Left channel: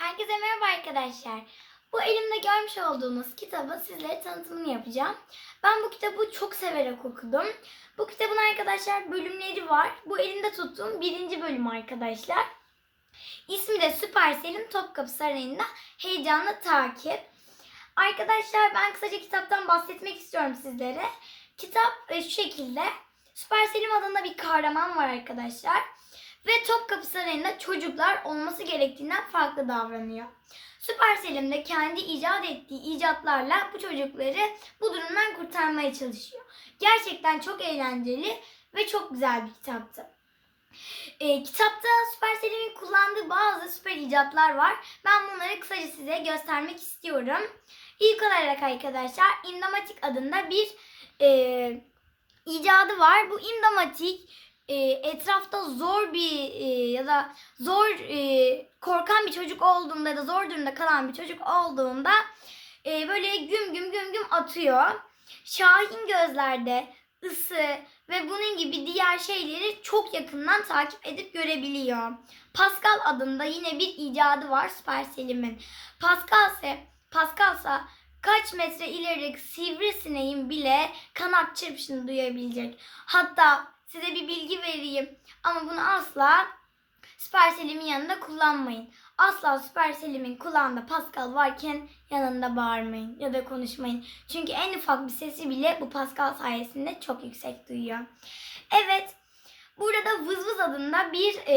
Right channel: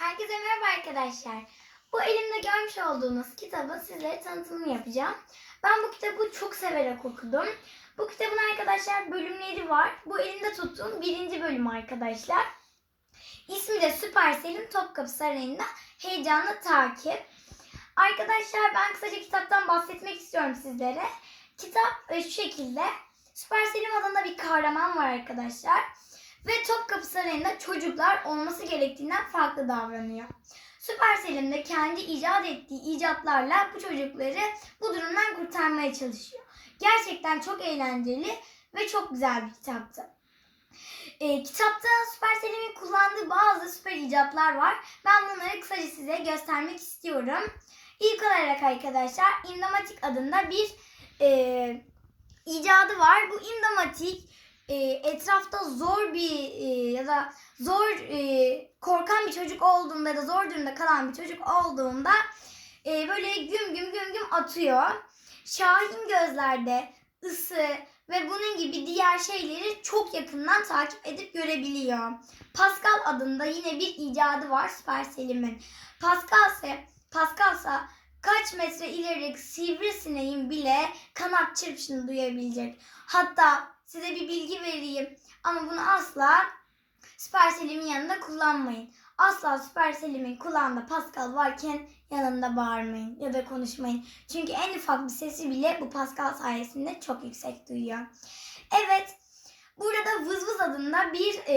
Herkese merhaba arkadaşlar. Bu elimde görmüş olduğunuz kitabı sizlere tanıtımını yapacağım. Ben bu kitabı çok severek okudum. Bu kitabın arkadaşlar bölümleri var. Bu elimde tuttuğum birinci bölüm arkadaşlar. İsmi de Süpersel'in Topkapı Sarayı'nda heyecanlı takip. Arkadaşlar ben kısaca kitaptan bahsetmek istiyorum sizlere. Kitap e, şu şekilde. Süpersel'in adında bir kahraman var arkadaşlar. Ve Topkapı Sarayı'nda çocuklar olması gerektiğinden farklı davranıyor. Süper Selim de kendi icat ettiği icatlarla bu çocukları bu durumdan kurtarmaya çalışıyor. Gerçekten çok eğlenceli ve çok güzel bir kitaptı. Ee, kitapta Süper Selim'in kullandığı bazı süper icatlar var. Ben bunları kısaca size göstermek istiyorum. İlk olarak arkadaşlar Indamatik adında bir e, icadı var. Bu Indamatik e, etrafta zor bir e, ya da zor e, korkan bir çocuk olduğunda ya da zor durumda kalan bir çocuk olduğunda e, böyle güm güm güm güm atıyor. Şahin gözlerde ısı ve bunun gibi diğer şeyleri çok yakından takip edip görebiliyor. Pascal adında yine bir icadı var Supercell'imin. Pascal ise Pascal ise kaç metre ilerideki sivrisineğin bile kanat çırpışını duyabilecek. Hatta size bir bilgi vereyim ama bunu asla Supercell'imin yanında kullanmayın. Asla Supercell'imin kulağında Pascal varken yanında bağırmayın ya da konuşmayın. Çünkü en ufak bir sesi bile bu Pascal sayesinde çok yüksek duyuyor. Evet, burada Vız Vız adında bir e,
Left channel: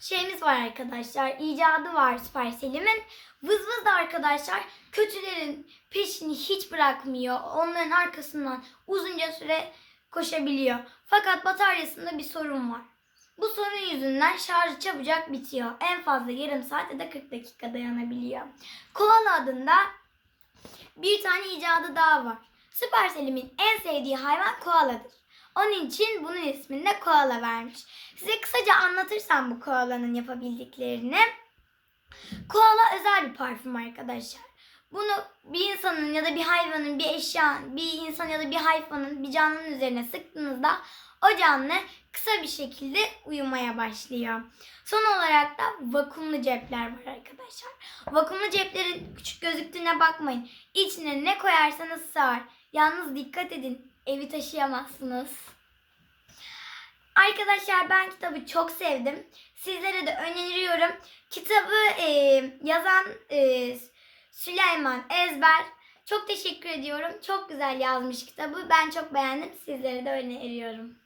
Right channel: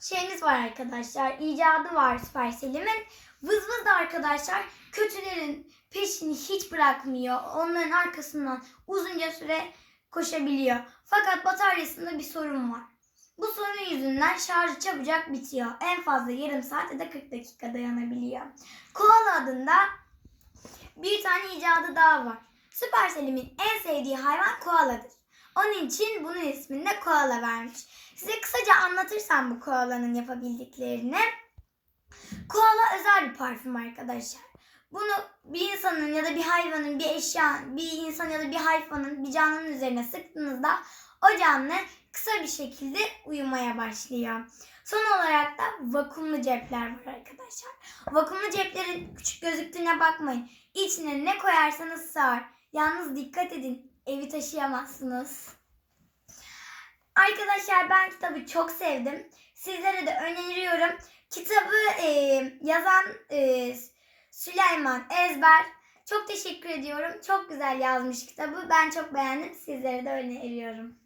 şeyimiz var arkadaşlar. İcadı var Supercell'imin. Vız Vız da arkadaşlar kötülerin peşini hiç bırakmıyor. Onların arkasından uzunca süre koşabiliyor. Fakat bataryasında bir sorun var. Bu sorun yüzünden şarjı çabucak bitiyor. En fazla yarım saat ya da 40 dakika dayanabiliyor. Koala adında bir tane icadı daha var. Supercell'imin en sevdiği hayvan koaladır. Onun için bunun ismini de koala vermiş. Size kısaca anlatırsam bu koalanın yapabildiklerini. Koala özel bir parfüm arkadaşlar. Bunu bir insanın ya da bir hayvanın, bir eşya, bir insan ya da bir hayvanın, bir canlının üzerine sıktığınızda o canlı kısa bir şekilde uyumaya başlıyor. Son olarak da vakumlu cepler var arkadaşlar. Vakumlu ceplerin küçük gözüktüğüne bakmayın. İçine ne koyarsanız sığar. Yalnız dikkat edin evi taşıyamazsınız. Arkadaşlar ben kitabı çok sevdim. Sizlere de öneriyorum. Kitabı e, yazan e, Süleyman Ezber. Çok teşekkür ediyorum. Çok güzel yazmış kitabı. Ben çok beğendim. Sizlere de öneriyorum.